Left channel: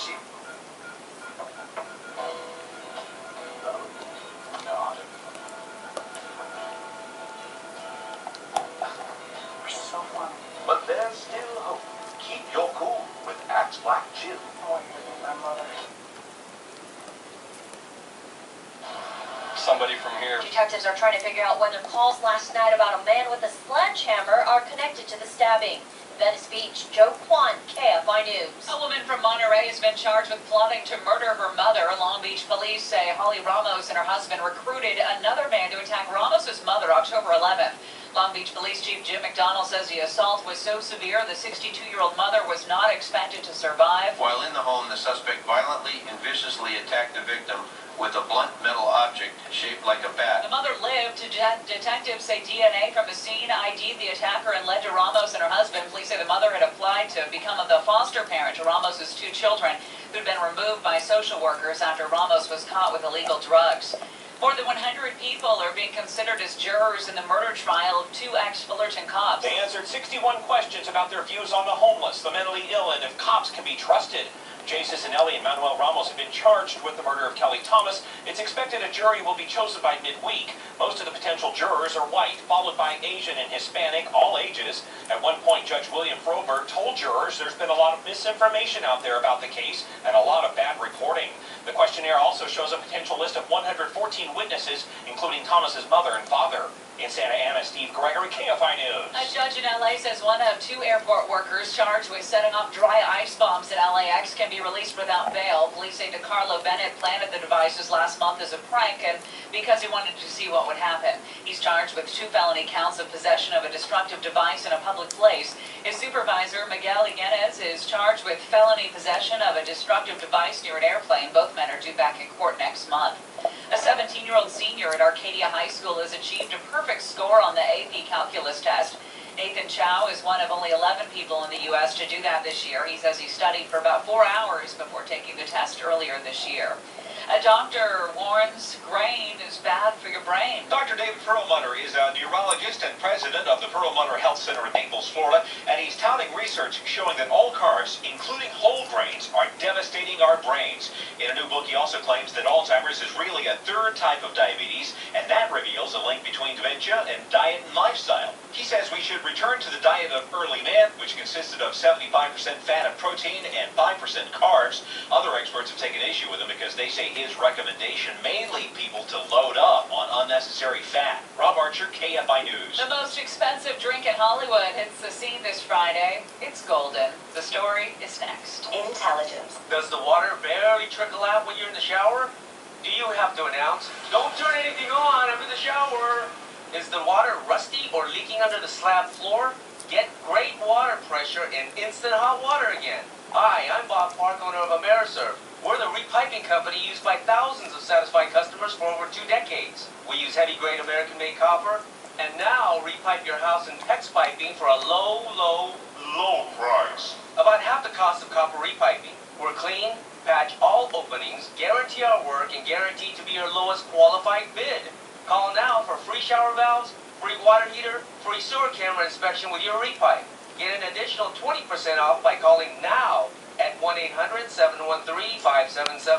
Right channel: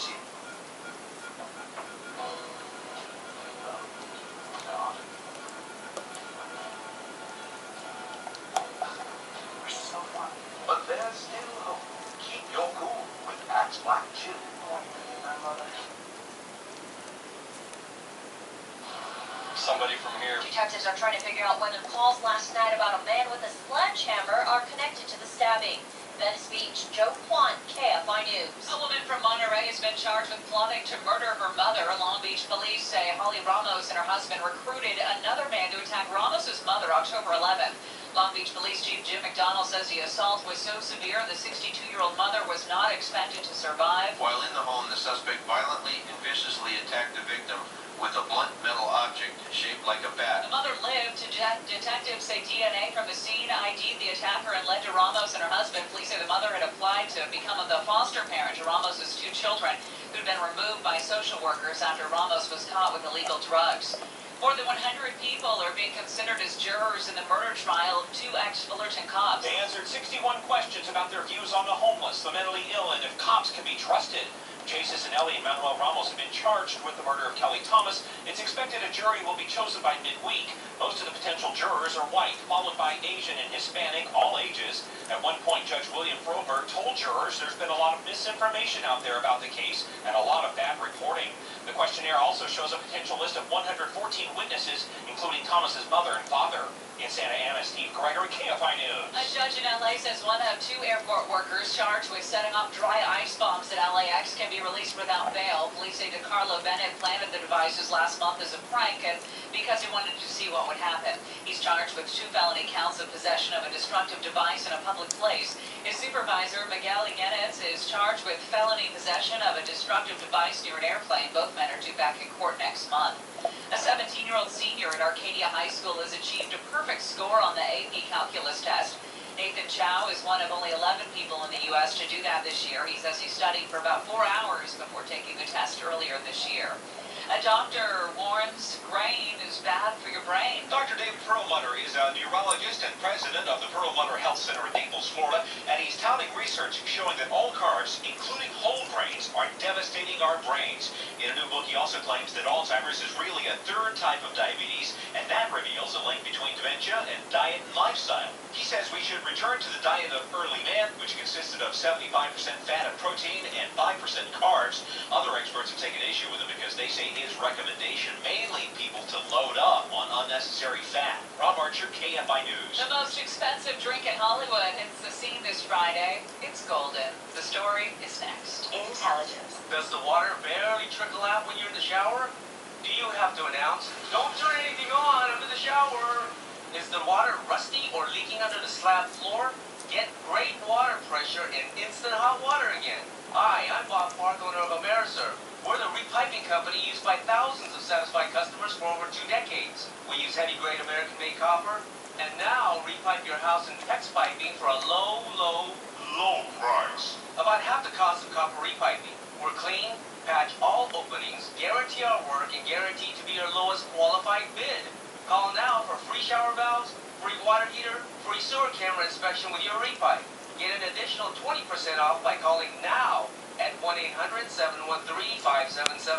she... So funny. But there's still hope. Keep your cool with Axe Black Chill. I want you to be my mother. Somebody from here. Detectives are trying to figure out whether calls last night about a man with a sledgehammer are connected to the stabbing. In Venice Beach, Joe Kwan, KFI News. A woman from Monterey has been charged with plotting to murder her mother. Long Beach police say Holly Ramos and her husband recruited another man to attack Ramos's mother October 11th. Long Beach Police Chief Jim McDonald says the assault was so severe the 62-year-old mother was not expected to survive. While in the home, the suspect violently and viciously attacked the victim with a blunt metal object shaped like a bat. The mother lived. Detectives say DNA from the scene ID'd the attacker and led to Ramos and her husband. Police say the mother had applied to become the foster parent to Ramos's 2 children who'd been removed by social workers after Ramos was caught with illegal drugs. More than 100 people are being considered as jurors in the murder trial of 2 ex-Fullerton cops. They answered 61 questions about their views on the homeless, the mentally ill, and if cops can be trusted. Jay Cicinelli and Manuel Ramos have been charged with the murder of Kelly Thomas. It's expected a jury will be chosen by midweek. Most of the potential jurors are white, followed by Asian and Hispanic, all ages. At one point, Judge William Froberg told jurors there's been a lot of misinformation out there about the case and a lot of bad reporting. The questionnaire also shows a potential list of 114 witnesses, including Thomas's mother and father. In Santa Ana, Steve Gregory, KFI News. A judge in L.A. says one of 2 airport workers charged with setting off dry ice bombs at LAX can be released without bail. Police say DeCarlo Bennett planted the devices last month as a prank and because he wanted to see what would happen. He's charged with 2 felony counts of possession of a destructive device in a public place. His supervisor, Miguel Iguenes, is charged with felony possession of a destructive device near an airplane. Both men are due back in court next month. A 17-year-old senior at Arcadia High School has achieved a perfect score on the AP Calculus test. Nathan Chow is one of only 11 people in the U.S. to do that this year. He says he studied for about 4 hours before taking the test earlier this year. A doctor warns grain is bad for your brain. Dr. David Perlmutter is a neurologist and president of the Perlmutter Health Center in Naples, Florida, and he's touting research showing that all carbs, including whole grains, are devastating our brains. In a new book, he also claims that Alzheimer's is really a 3rd type of diabetes, and that reveals a link between dementia and diet and lifestyle. He says we should return to the diet of early man, which consisted of 75% fat and protein and 5% carbs. Other experts have taken issue with him because they say his recommendation may lead people to load up on unnecessary fat. Rob Archer, KFI News. The most expensive drink in Hollywood hits the scene this Friday. It's golden. The story is next. Intelligence. Does the water barely trickle out when you're in the shower? Do you have to announce, don't turn anything on, I'm in the shower? Is the water rusty or leaking under the slab floor? Get great water pressure and instant hot water again. Hi, I'm Bob Park, owner of Ameriserve. We're the repiping company used by thousands of satisfied customers for over 2 decades. We use heavy-grade American-made copper, and now repipe your house in PEX piping for a low price. About half the cost of copper repiping. We're clean, patch all openings, guarantee our work, and guarantee to be your lowest qualified bid. Call now for free shower valves, free water heater, free sewer camera inspection with your repipe. Get an additional 20% off by calling now at 1-800-713-5777.